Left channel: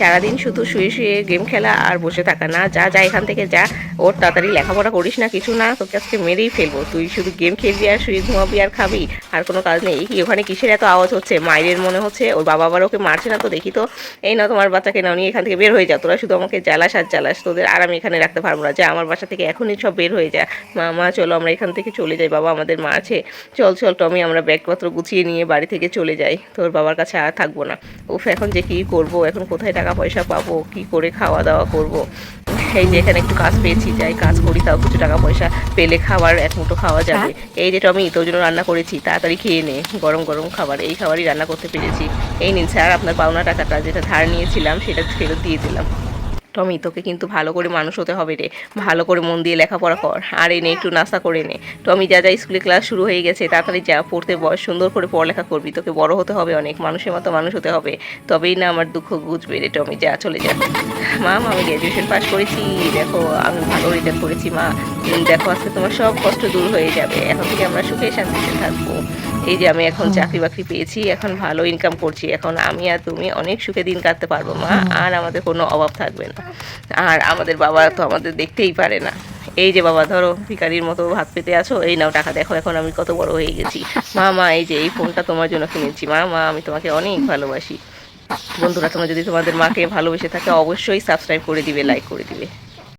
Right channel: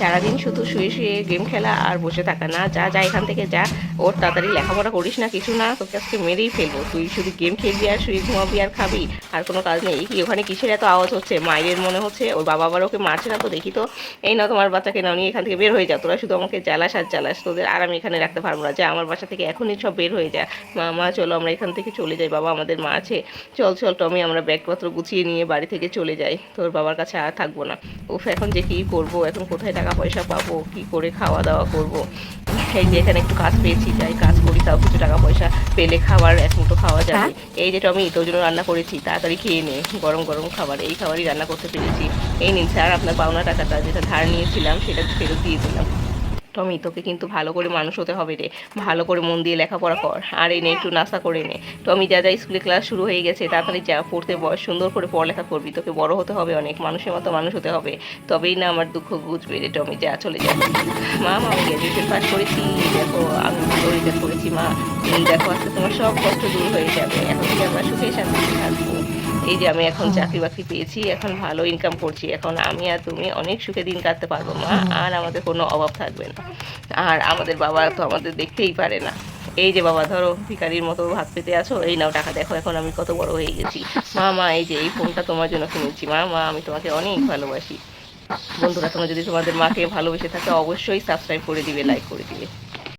সারাদিন শুধু শুয়ে শুয়ে গেম খেলা আর বসে থাকা। না, যা যা এখান থেকে যা, ওর তাড়াতাড়ি লেখাপড়া করিস না, কিছু না, তোকে আজকে মেরেই ফেলবো। তুই শুধু গেম খেলবি আর শুয়ে ঘুমাবি আর খাবি, আর কোনো কাজ নেই। কি ওখানে কিসের এত আওয়াজ হচ্ছে? মায়ের মনে হচ্ছে। ওর বাবা আবার ওকে মারছে না তো? দেখি তো। এই না, তোমার বাচ্চাকে নাও, নিয়ে এখান থেকে বের হয়ে যা। তোরা শুধু আমাকে জ্বালাস আর জ্বালাস, তোদের আর আমি এখানে রাখতে পারবো না। যা আমার বাসা থেকে এখনই সব বের হয়ে যা। মা চলো আমরা এখান থেকে চলে যাই, বাবা আমাদের মারছে। চল চল টমি, আমরা ব্যাগপত্র গুছিয়ে নিয়ে বাড়ি থেকে চলে যাই, তোর বাবার কাছে আর থাকবো না। উফ, এখন যে কী করবো, এখন কোথায় টাকা পয়সা পাবো, কি করে খাওয়া দাওয়া করব। এই যে এখানে একটু কাজ পেয়েছি, যাই কাজ করি, তাও কিছু টাকা পয়সা পেলে খাবার এক মুঠো খাওয়া যাবে। এই যে টমি, তোর জন্য রান্না করেছি, তাড়াতাড়ি খেয়ে নে, গরম গরম খাবার, এই খাবারই রান্না করতে পেরেছি। এই নিন স্যার আপনার পাওনা টাকাটা, যেটা ধার নিয়েছিলাম সেটা ফেরত দিয়ে দিলাম। টমি, তোকে কিন্তু ভালো করে মানুষ হতে হবে রে, ভালো করে মন দিয়ে লেখাপড়া কর, আর এনে একটু নাস্তা করে নে। টমি, যা যা, স্কুলে ক্লাস শুরু হয়ে গেছে, তাড়াতাড়ি যা, পড়তে বস, সুন্দর করে পড়ালেখা করবি, তোকে বড় হতে হবে, অনেক মানুষের মতো মানুষ হতে হবে, তবেই না আমার দুঃখ বুঝবে রে। টমি, যা, চলে যা। মা, আমি গ্র্যাজুয়েশন পাস করেছি, দেখো আমি ভালো রেজাল্ট করেছি মা। দেখো আজকে তোমার সব কষ্ট দূর হয়ে যাবে, এখন থেকে আমরা সুখে শান্তিতে থাকবো। এই যে আমি এখন চাকরি বাকরি পেয়েছি, এখন ভালো ইনকাম করছি, এখন আমি আর তুমি অনেক সুখে দিন কাটতে পারবো মা, আর আমাদের কোনো অভাব থাকবে না। আর আমাদের বাবা তো আমাদের দেখতেই পারে না। এই যে বাবা, ধরো ভিখারির মতো ভাত পেতে আছো, এই নাও টাকা, দেখো এখন আমি কত বড় হয়ে গেছি। মা এই যে এই ফোনটা তোমার জন্য কিনেছি মা, আমি তোমাকে অনেক ভালোবাসি। বন্ধুরা, তোমরা যদি তোমাদের মাকে ভালোবেসে থাকে অবশ্যই সাবস্ক্রাইব করে দিবে, লাইক করে দিবে।